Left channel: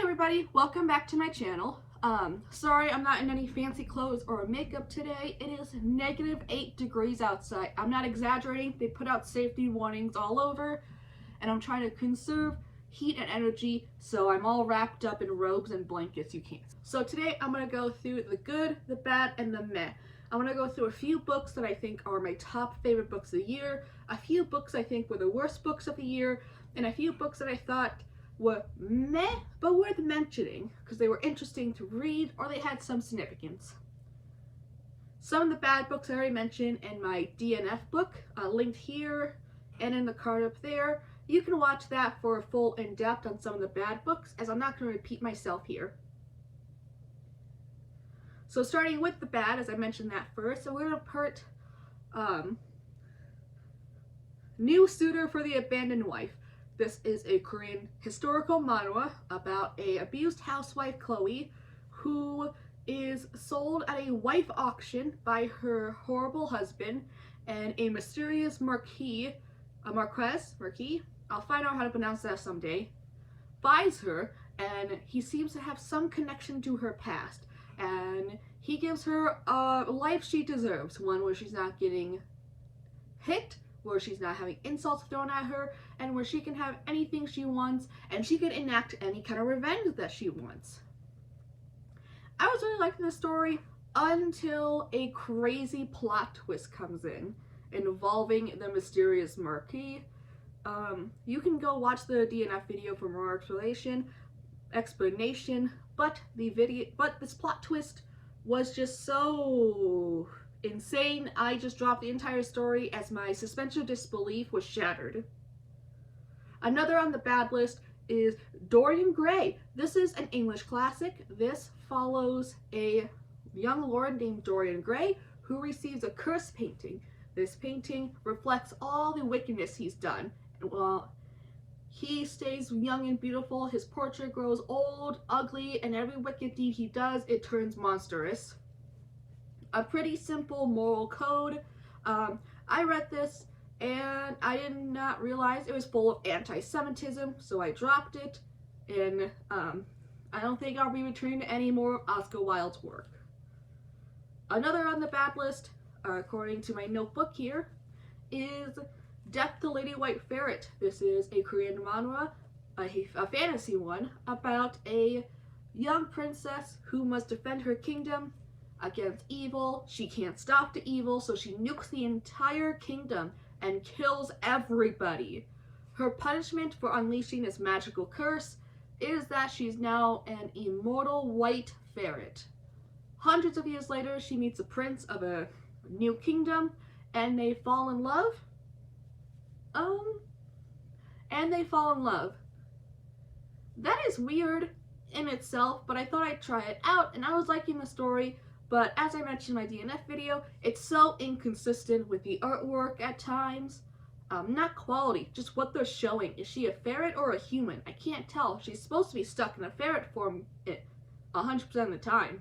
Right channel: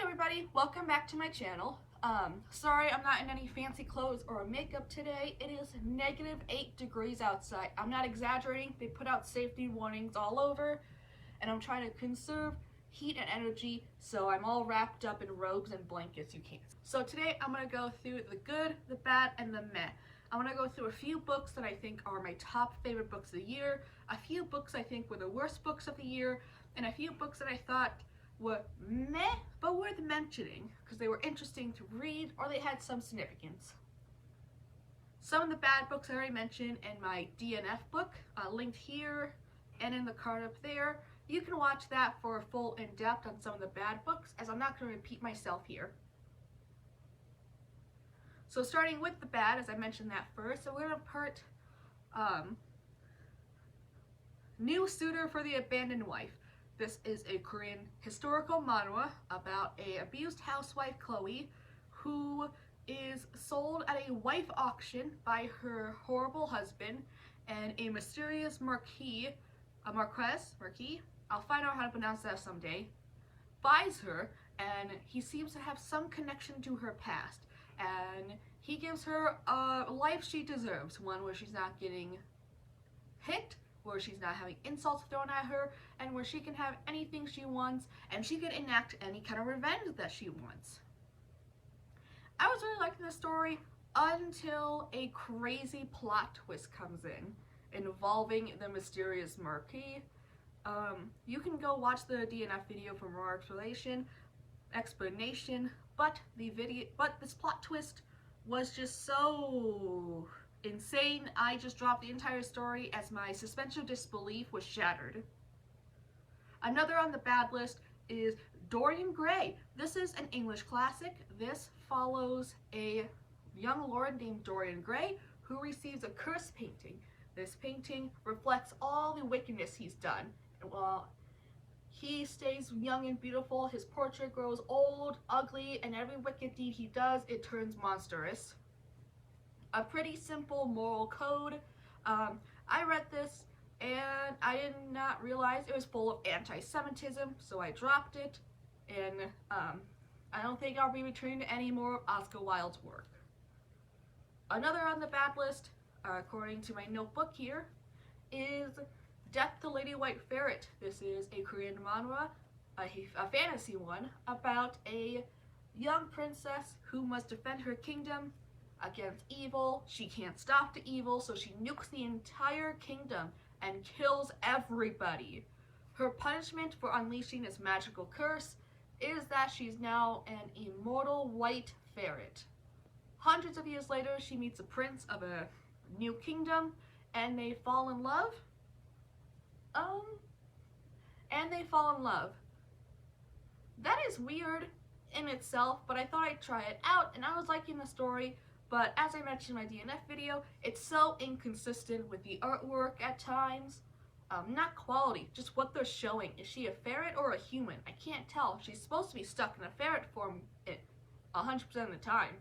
Hi everybody, welcome back to my channel. Sorry I'm not in any fancy clothes or makeup today. It is -8 degrees outside. I'm not exaggerating. They put out safety warnings all over and I'm trying to conserve heat and energy, so I'm all wrapped up in robes and blankets you can't. So today I'm going to go through the good, the bad, and the meh. I'm going to go through a few books that I think are my top favorite books of the year, a few books I think were the worst books of the year, and a few books that I thought were meh, but worth mentioning because they were interesting to read or they had some significance. Some of the bad books I already mentioned in my DNF book, linked here and in the card up there. You can watch that for a full in-depth on some of the bad books, as I'm not going to repeat myself here. So starting with the bad, as I mentioned that first, so we're going to put New Suitor for the Abandoned Wife. This is a Korean historical manhwa about a abused housewife, Chloe, who is sold at a wife auction by her horrible husband, and a mysterious marquis, I'll find out how to pronounce that someday, buys her, and he seems to have some connection to her past, and he gives her a life she deserves, one where she's not getting hit, where she's not having insults thrown at her, and where she can have anything she wants, and she can enact any kind of revenge that she wants. I was really liking this story until a crazy plot twist comes in, involving the mysterious marquis. You can go watch the DNF video for more explanation, but this plot twist was just so insane. I just dropped the entire story as my suspension of disbelief was shattered. Another on the bad list is Dorian Gray. This is an English classic. This follows a young lord named Dorian Gray who receives a cursed painting. This painting reflects all the wickedness he's done. While he stays young and beautiful, his portrait grows old, ugly, and every wicked deed he does, it turns monstrous. A pretty simple moral code. I read this and I did not realize it was full of anti-Semitism, so I dropped it, and I don't think I'll be returning to any more Oscar Wilde's work. Another on the bad list, according to my notebook here, is Death to Lady White Ferret. This is a Korean manhwa, a fantasy one, about a young princess who must defend her kingdom against evil. She can't stop the evil, so she nukes the entire kingdom and kills everybody. Her punishment for unleashing this magical curse is that she's now an immortal white ferret. Hundreds of years later, she meets a prince of a new kingdom, and they fall in love. That is weird in itself, but I thought I'd try it out, and I was liking the story. But as I mentioned in my DNF video, it's so inconsistent with the artwork at times. Not quality, just what they're showing. Is she a ferret or a human? I can't tell. She's supposed to be stuck in a ferret form 100% of the time.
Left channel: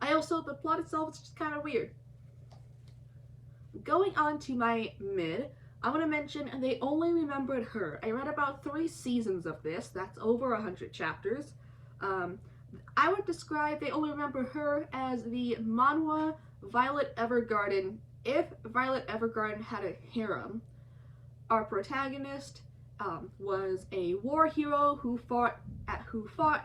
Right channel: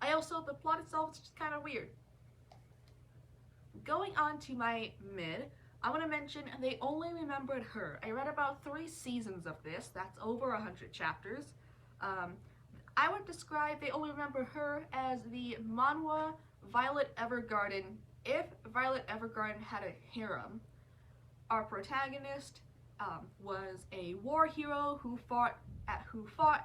The plot itself is just kind of weird. Going on to my mid, I'm going to mention They Only Remembered Her. I read about 3 seasons of this. That's over 100 chapters. I would describe They Only Remember Her as the manhwa Violet Evergarden if Violet Evergarden had a harem. Our protagonist was a war hero who fought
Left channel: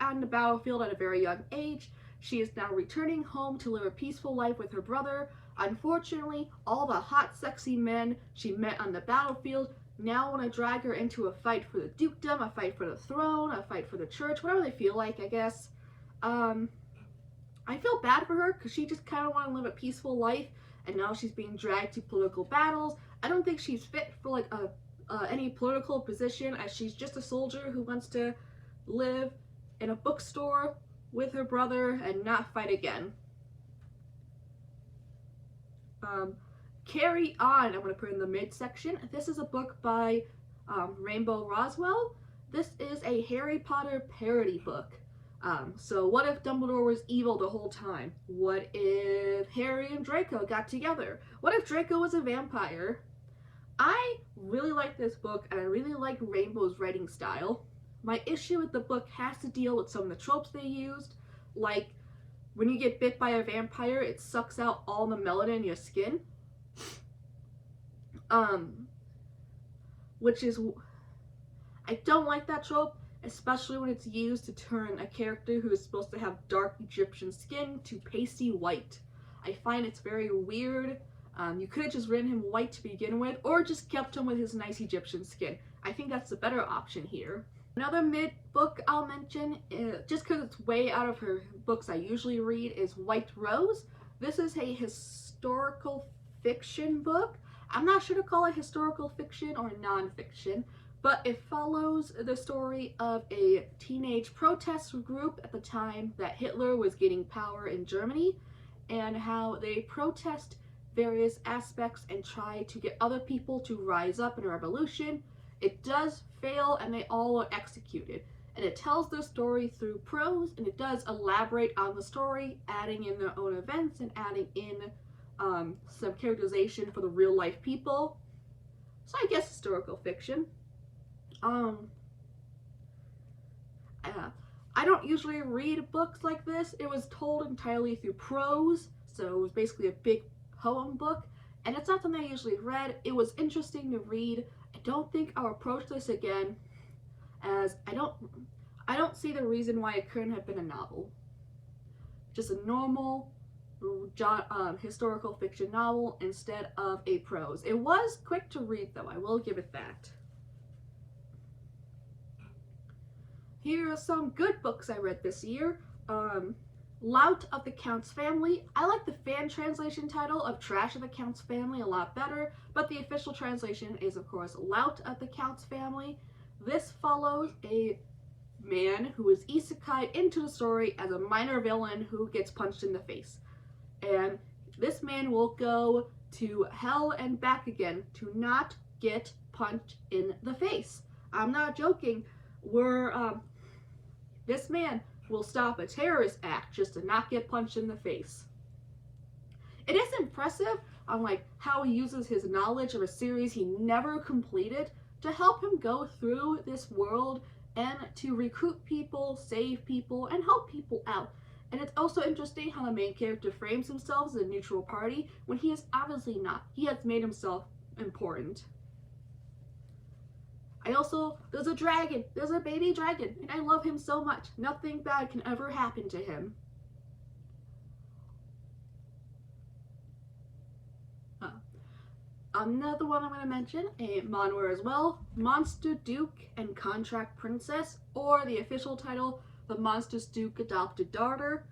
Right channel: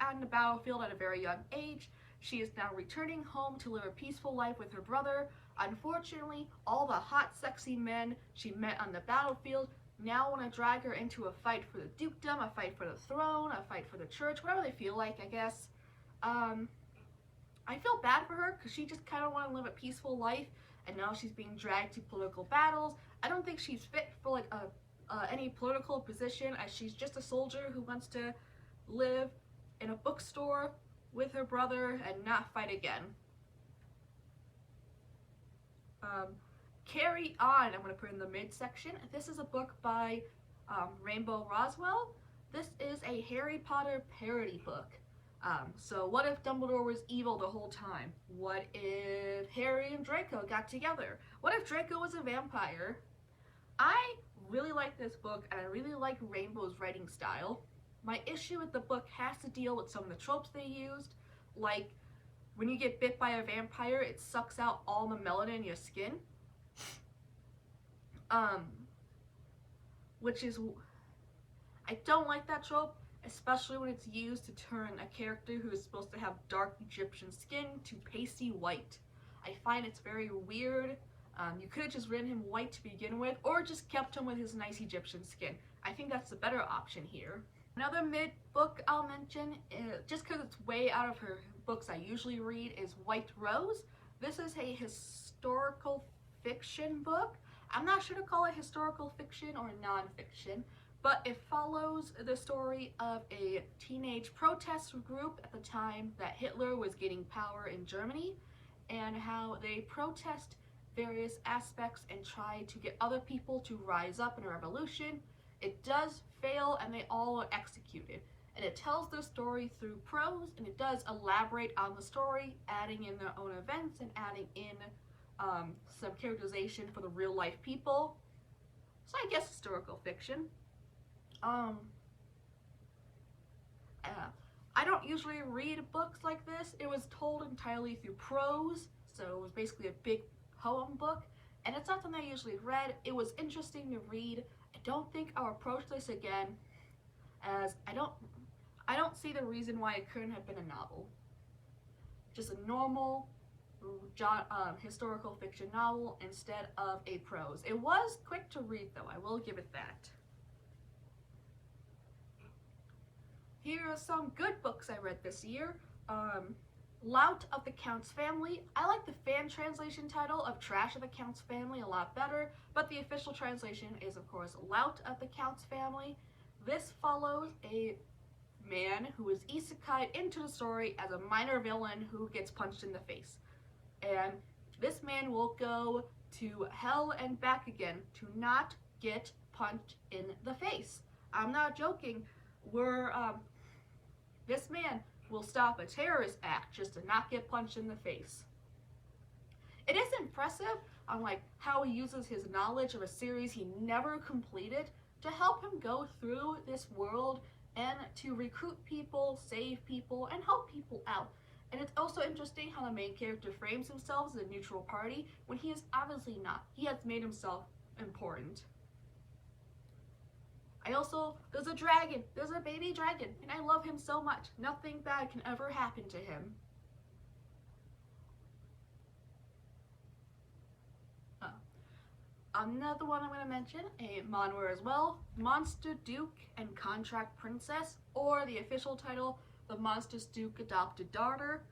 on the battlefield at a very young age. She is now returning home to live a peaceful life with her brother. Unfortunately, all the hot, sexy men she met on the battlefield now want to drag her into a fight for the dukedom, a fight for the throne, a fight for the church, whatever they feel like, I guess. I feel bad for her because she just kind of want to live a peaceful life, and now she's being dragged to political battles. I don't think she's fit for like any political position, as she's just a soldier who wants to live in a bookstore with her brother and not fight again. Carry On, I'm going to put in the midsection. This is a book by Rainbow Roswell. This is a Harry Potter parody book. So what if Dumbledore was evil the whole time? What if Harry and Draco got together? What if Draco was a vampire? I really like this book, and I really like Rainbow's writing style. My issue with the book has to deal with some of the tropes they used, like when you get bit by a vampire, it sucks out all the melanin in your skin. Which is, I don't like that trope, especially when it's used to turn a character who is supposed to have dark Egyptian skin to pasty white. I find it's very weird. You could have just written him white to begin with, or just kept him with his nice Egyptian skin. I think that's the better option here. Another mid book I'll mention, just because it's way out of her books I usually read, is White Rose. This is a historical fiction book. I'm not sure to call it historical fiction or non-fiction, but it follows the story of a teenage protest group at the time that Hitler was gaining power in Germany, and how they protest various aspects and try to get other people to rise up in a revolution. It does fail, and they all are executed. And it tells their story through prose, and it does elaborate on the story, adding in their own events and adding in some characterization for the real life people. So I guess historical fiction. I don't usually read books like this. It was told entirely through prose, so it was basically a big poem book, and it's not something I usually read. It was interesting to read. I don't think I'll approach this again, as I don't see the reason why it couldn't have been a novel. Just a normal historical fiction novel instead of a prose. It was quick to read though, I will give it that. Here are some good books I read this year. Lout of the Count's Family. I like the fan translation title of Trash of the Count's Family a lot better, but the official translation is of course Lout of the Count's Family. This follows a man who is isekai'd into the story as a minor villain who gets punched in the face. And this man will go to hell and back again to not get punched in the face. I'm not joking. This man will stop a terrorist act just to not get punched in the face. It is impressive on how he uses his knowledge of a series he never completed to help him go through this world and to recruit people, save people, and help people out. And it's also interesting how the main character frames himself as a neutral party when he is obviously not. He has made himself important. There's a dragon, there's a baby dragon, and I love him so much. Nothing bad can ever happen to him. Another one I'm going to mention, a manhwa as well, Monster Duke and Contract Princess, or the official title, The Monstrous Duke Adopted Daughter.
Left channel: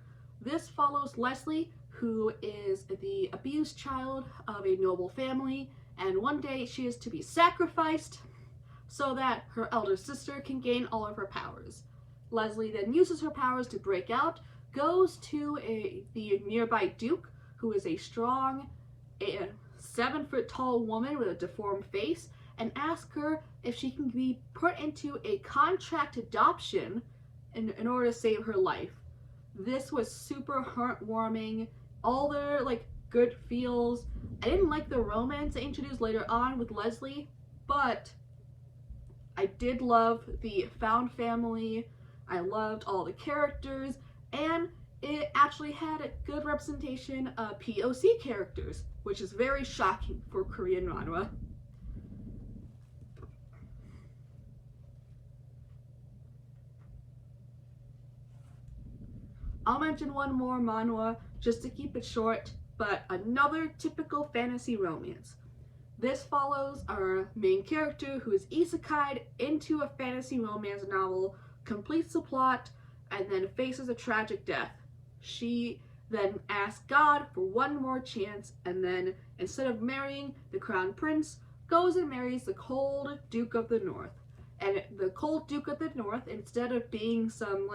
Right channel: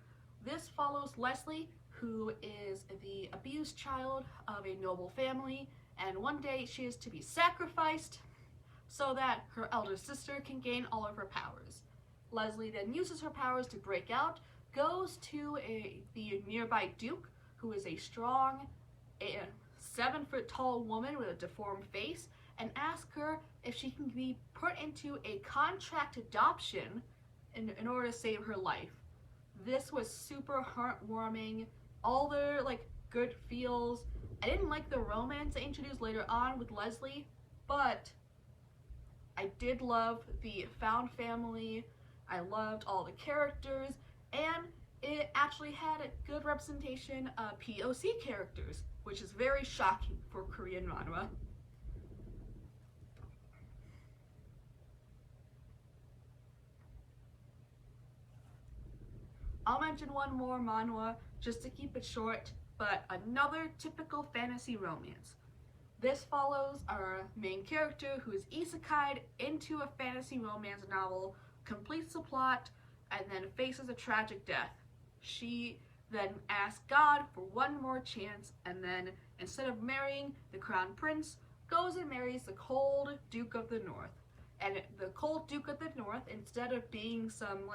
This follows Leslie, who is the abused child of a noble family, and one day she is to be sacrificed so that her elder sister can gain all of her powers. Leslie then uses her powers to break out, goes to the nearby Duke, who is a strong 7-foot tall woman with a deformed face, and asks her if she can be put into a contract adoption in order to save her life. This was super heartwarming, all their good feels. I didn't like the romance they introduced later on with Leslie, but I did love the found family. I loved all the characters, and it actually had a good representation of POC characters, which is very shocking for Korean manhwa. I'll mention one more manhwa just to keep it short, but another typical fantasy romance. This follows our main character who is isekai'd into a fantasy romance novel, completes the plot, and then faces a tragic death. She then asks God for one more chance, and then instead of marrying the crown prince, goes and marries the cold Duke of the North. And the cold Duke of the North, instead of being some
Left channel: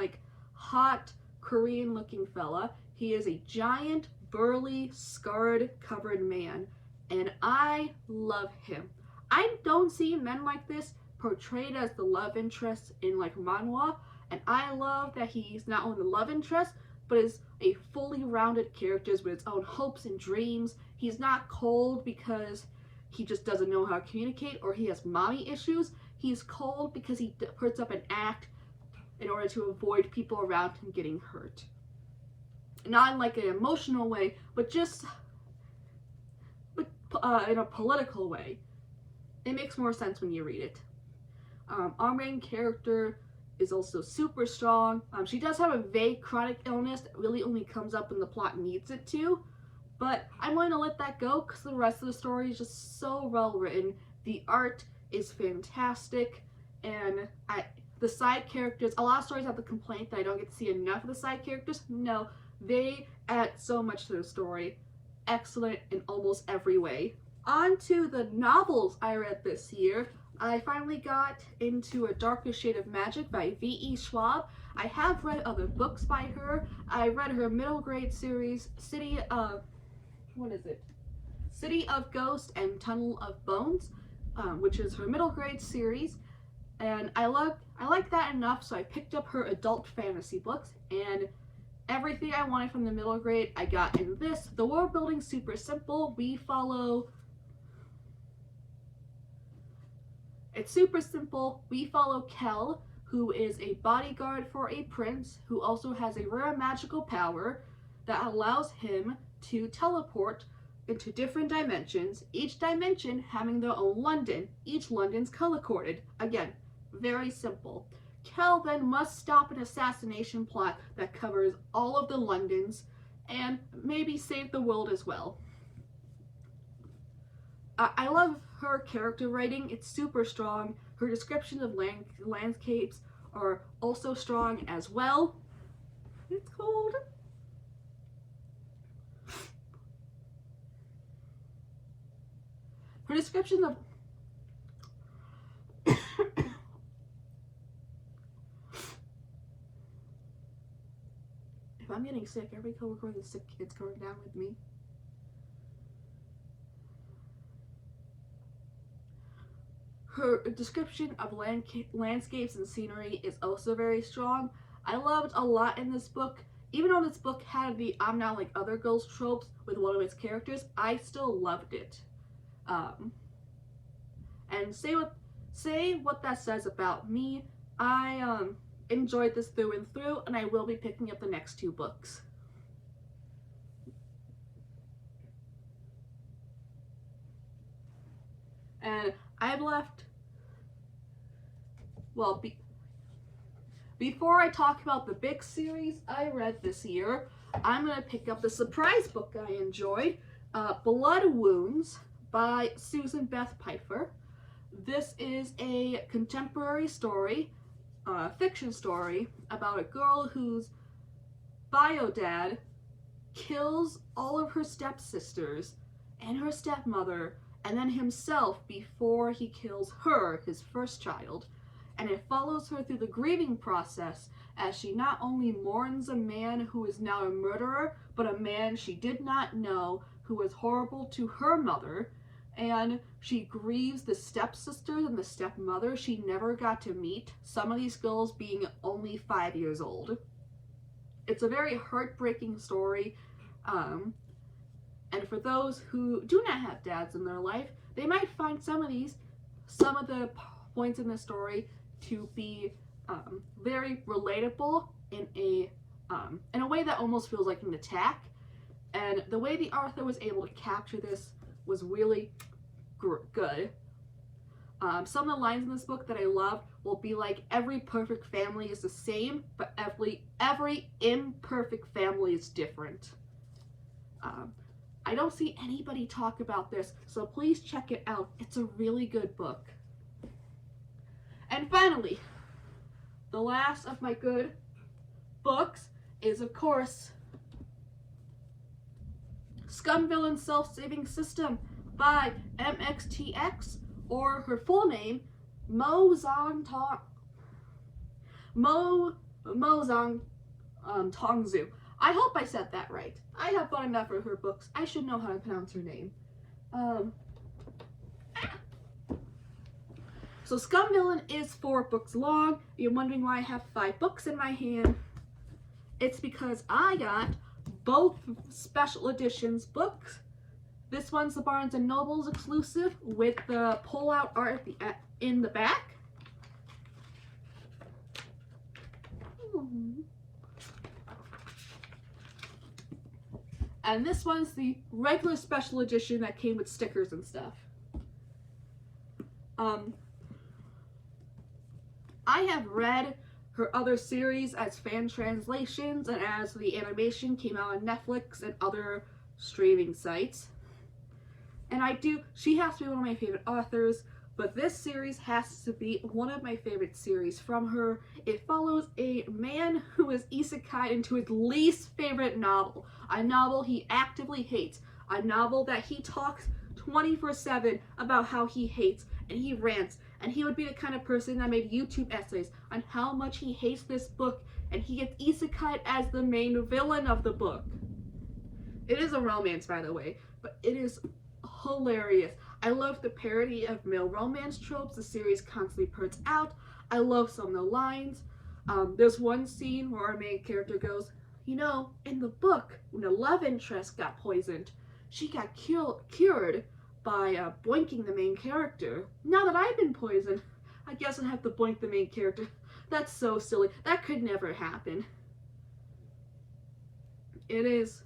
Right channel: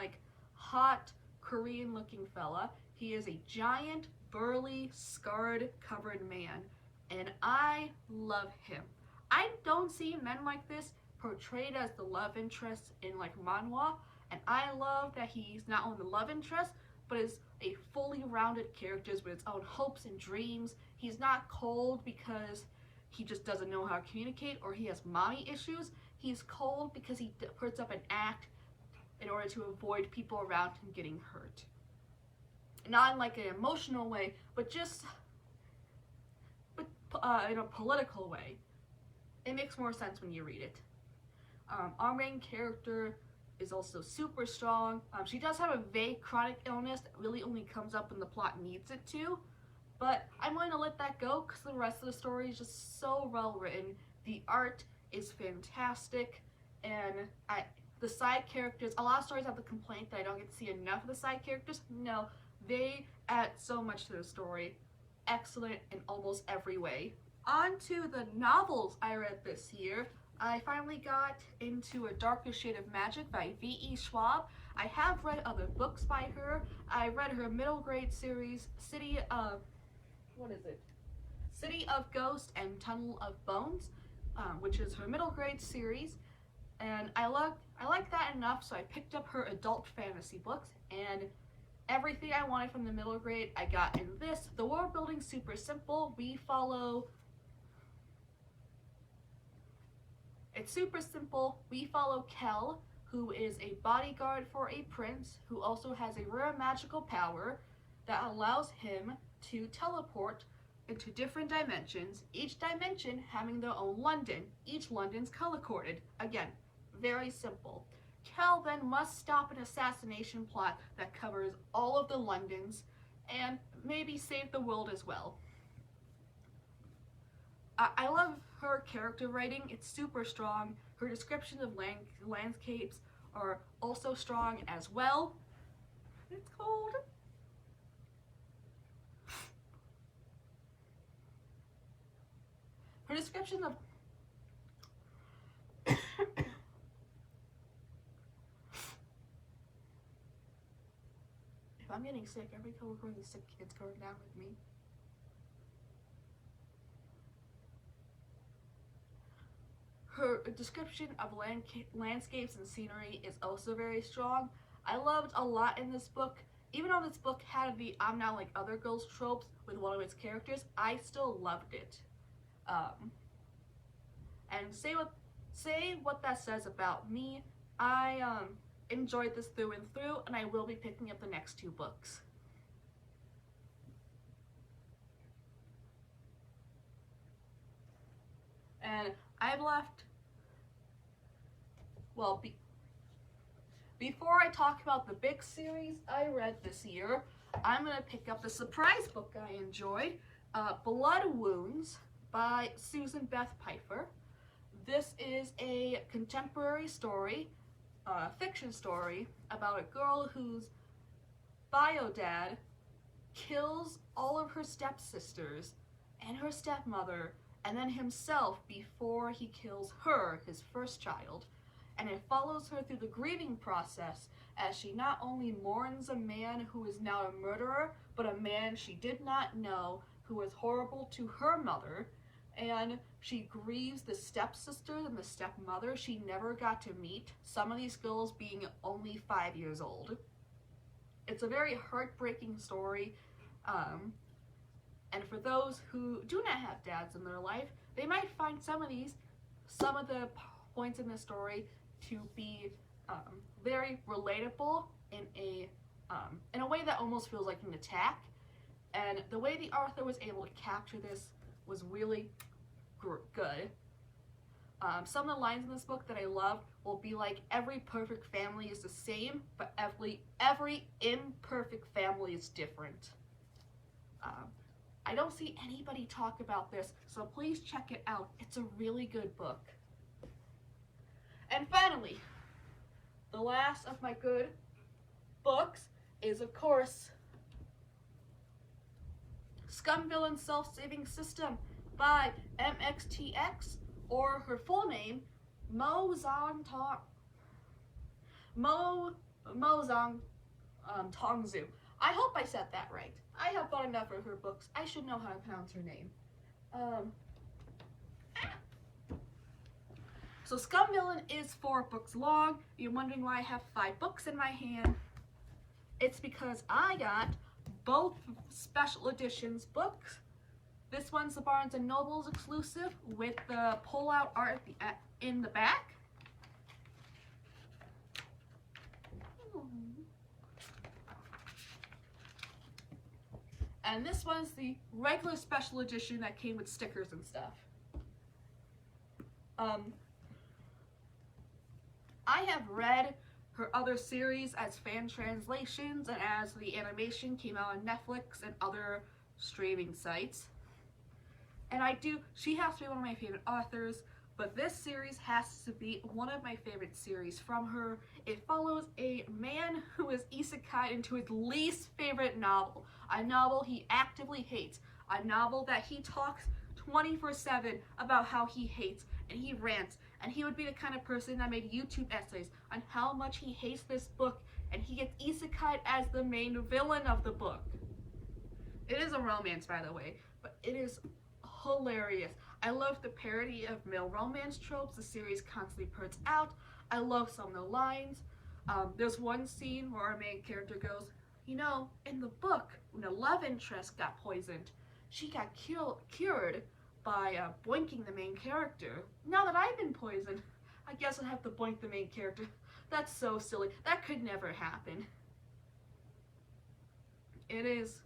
hot Korean looking fella, he is a giant, burly, scarred, covered man. And I love him. I don't see men like this portrayed as the love interest in manhwa, and I love that he's not only the love interest, but is a fully rounded character with its own hopes and dreams. He's not cold because he just doesn't know how to communicate, or he has mommy issues. He's cold because he puts up an act in order to avoid people around him getting hurt. Not in like an emotional way, but just in a political way. It makes more sense when you read it. Our main character is also super strong. She does have a vague chronic illness that really only comes up when the plot needs it to, but I'm going to let that go because the rest of the story is just so well written. The art is fantastic, and the side characters, a lot of stories have the complaint that I don't get to see enough of the side characters. No, they add so much to the story. Excellent in almost every way. On to the novels I read this year. I finally got into A Darker Shade of Magic by V.E. Schwab. I have read other books by her. I read her middle grade series, City of Ghost and Tunnel of Bones, which is her middle grade series. And I like that enough, so I picked up her adult fantasy books, and everything I wanted from the middle grade I got in this. The world building's super simple. It's super simple. We follow Kel, who is a bodyguard for a prince who also has a rare magical power that allows him to teleport into different dimensions, each dimension having their own London. Each London's color-coded. Again, very simple. Kel then must stop an assassination plot that covers all of the Londons and maybe save the world as well. I love her character writing. It's super strong. Her descriptions of landscapes are also strong as well. It's cold. Her description of if I'm getting sick, every coworker with a sick kid's going down with me. Her description of landscapes and scenery is also very strong. I loved a lot in this book. Even though this book had the I'm not like other girls tropes with one of its characters, I still loved it. And say what that says about me. I enjoyed this through and through, and I will be picking up the next 2 books. And I've left, well, before I talk about the big series I read this year, I'm going to pick up the surprise book I enjoyed, Blood Wounds by Susan Beth Pfeiffer. This is a contemporary story, fiction story, about a girl whose bio dad kills all of her stepsisters and her stepmother and then himself before he kills her, his first child. And it follows her through the grieving process as she not only mourns a man who is now a murderer, but a man she did not know who was horrible to her mother, and she grieves the stepsisters and the stepmother she never got to meet, some of these girls being only 5 years old. It's a very heartbreaking story, and for those who do not have dads in their life, they might find some of the points in the story to be very relatable in a way that almost feels like an attack. And the way the author was able to capture this was really good. Some of the lines in this book that I loved will be like, every perfect family is the same, but every imperfect family is different. I don't see anybody talk about this, so please check it out. It's a really good book. And finally, the last of my good books is, of course, Scum Villain Self-Saving System by MXTX, or her full name, Mo Zong Tongzu. I hope I said that right. I have bought enough of her books. I should know how to pronounce her name. So Scum Villain is 4 books long. You're wondering why I have 5 books in my hand. It's because I got both special editions books this This one's the Barnes & Noble's exclusive with the pull-out art in the back. And this one's the regular special edition that came with stickers and stuff. I have read her other series as fan translations and as the animation came out on Netflix and other streaming sites. And she has to be one of my favorite authors, but this series has to be one of my favorite series from her. It follows a man who is isekai into his least favorite novel, a novel he actively hates, a novel that he talks 24/7 about how he hates, and he rants, and he would be the kind of person that made YouTube essays on how much he hates this book, and he gets isekai'd as the main villain of the book. It is a romance, by the way, but it is hilarious. I love the parody of male romance tropes the series constantly puts out. I love some of the lines. There's one scene where our main character goes, you know, in the book, when the love interest got poisoned, she got cured by boinking the main character. Now that I've been poisoned, I guess I have to boink the main character. That's so silly. That could never happen. It is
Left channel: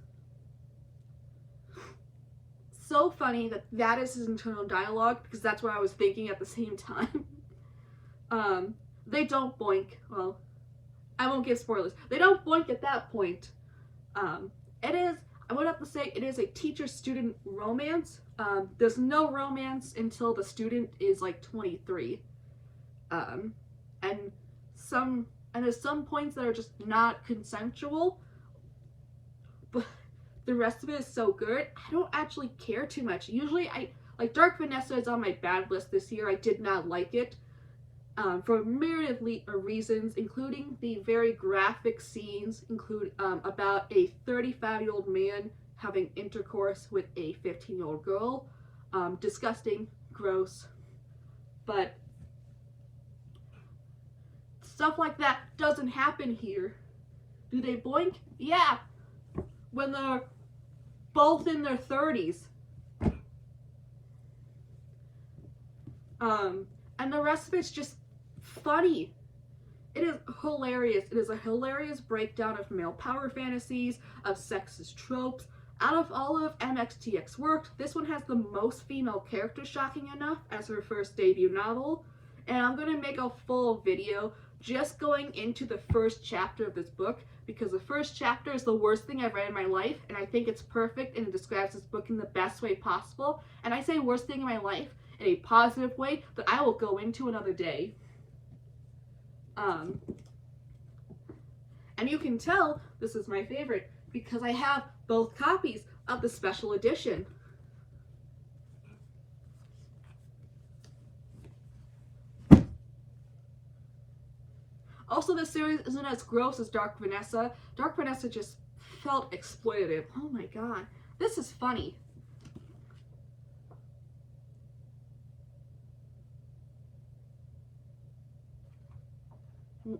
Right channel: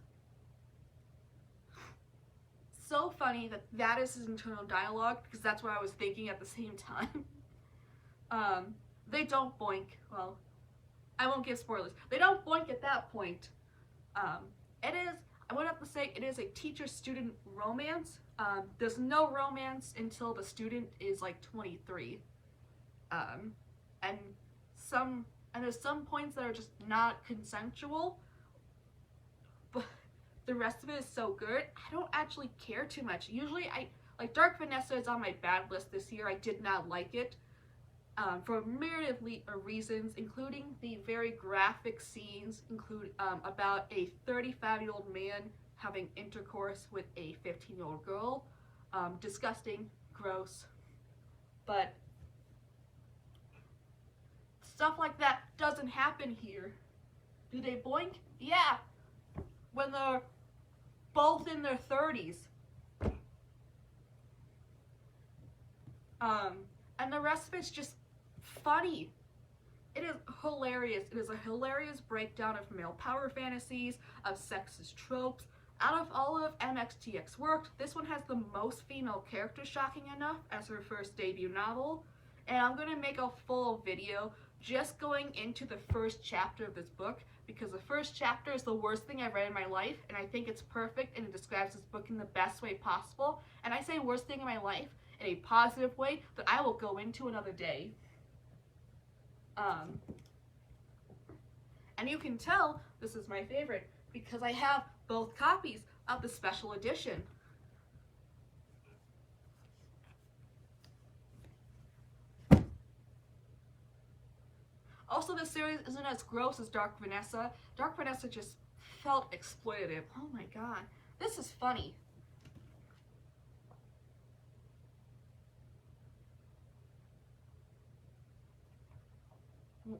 so funny that is his internal dialogue, because that's what I was thinking at the same time. They don't boink. Well, I won't give spoilers. They don't boink at that point. I would have to say it is a teacher-student romance. There's no romance until the student is like 23. And there's some points that are just not consensual, but the rest of it is so good. I don't actually care too much. Usually like Dark Vanessa is on my bad list this year. I did not like it. For a myriad of reasons, including the very graphic scenes about a 35-year-old man having intercourse with a 15-year-old girl. Disgusting, gross, but stuff like that doesn't happen here. Do they boink? Yeah, when they're both in their 30s. And the rest of it's just funny. It is hilarious. It is a hilarious breakdown of male power fantasies, of sexist tropes. Out of all of MXTX worked, this one has the most female characters, shocking enough, as her first debut novel. And I'm going to make a full video just going into the first chapter of this book, because the first chapter is the worst thing I've read in my life, and I think it's perfect and it describes this book in the best way possible. And I say worst thing in my life in a positive way that I will go into another day. And you can tell this is my favorite because I have both copies of the special edition. Also, this series isn't as gross as Dark Vanessa. Dark Vanessa just felt exploitative. Oh my god. This is funny.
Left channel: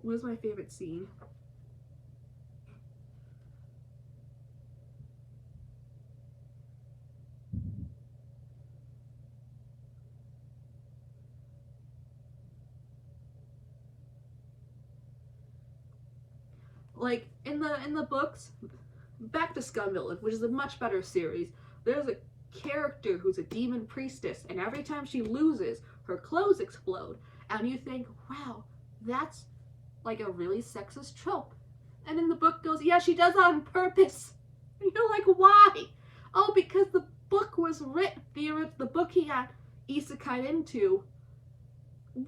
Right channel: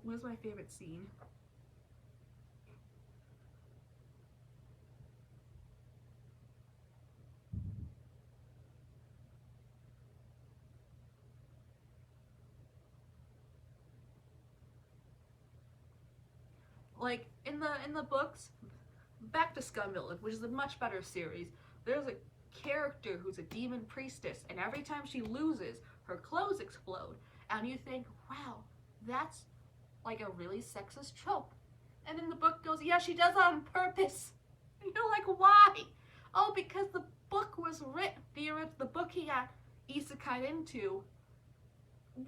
What's my favorite scene? Like in the books, back to Scum Village, which is a much better series, there's a character who's a demon priestess, and every time she loses, her clothes explode. And you think, wow, that's like a really sexist trope. And then the book goes, yeah, she does that on purpose. And you're like, why? Oh, because the book was written, the book he got isekai into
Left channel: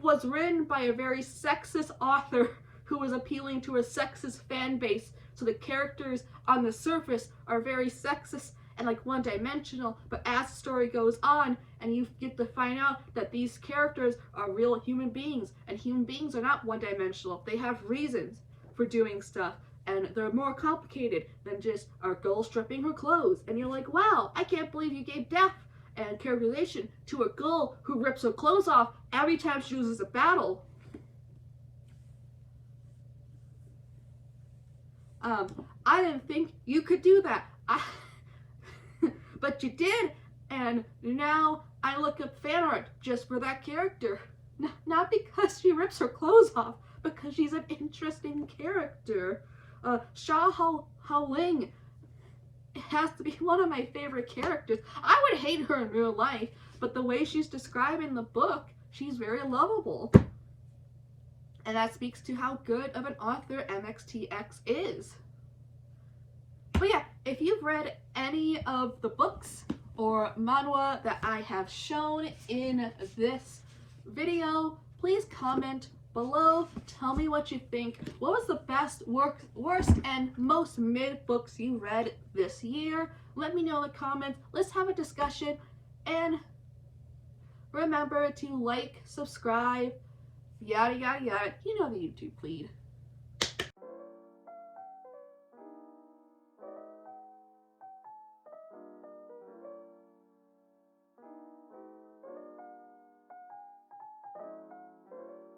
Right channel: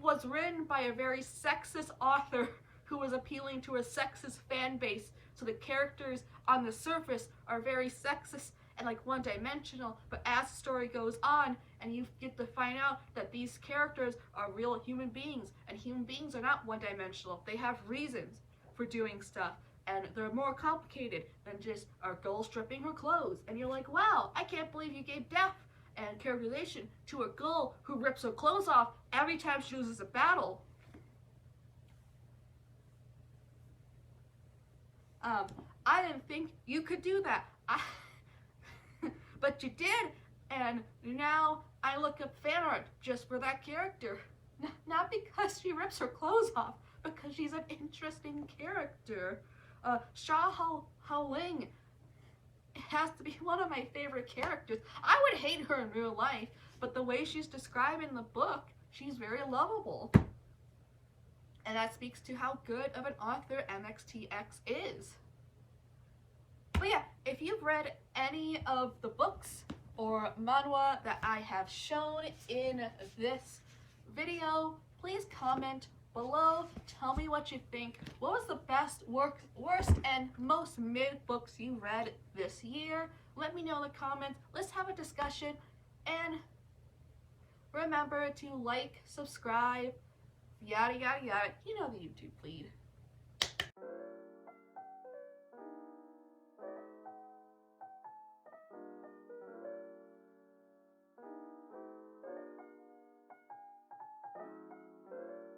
was written by a very sexist author who was appealing to a sexist fan base. So the characters on the surface are very sexist and like one-dimensional, but as the story goes on and you get to find out that these characters are real human beings, and human beings are not one-dimensional. They have reasons for doing stuff, and they're more complicated than just a girl stripping her clothes. And you're like, wow, I can't believe you gave depth and characterization to a girl who rips her clothes off every time she loses a battle. I didn't think you could do that. But you did, And now I look up fan art just for that character. Not because she rips her clothes off, because she's an interesting character. Sha Hao Ling has to be one of my favorite characters. I would hate her in real life, but the way she's described in the book, she's very lovable. And that speaks to how good of an author MXTX is. But yeah, if you've read any of the books or manhwa that I have shown in this video, please comment below. Tell me what you think. What was the best, worst, and most mid books you read this year? Let me know in the comments. Let's have a discussion. And remember to like, subscribe, yada yada yada. You know the YouTube plead.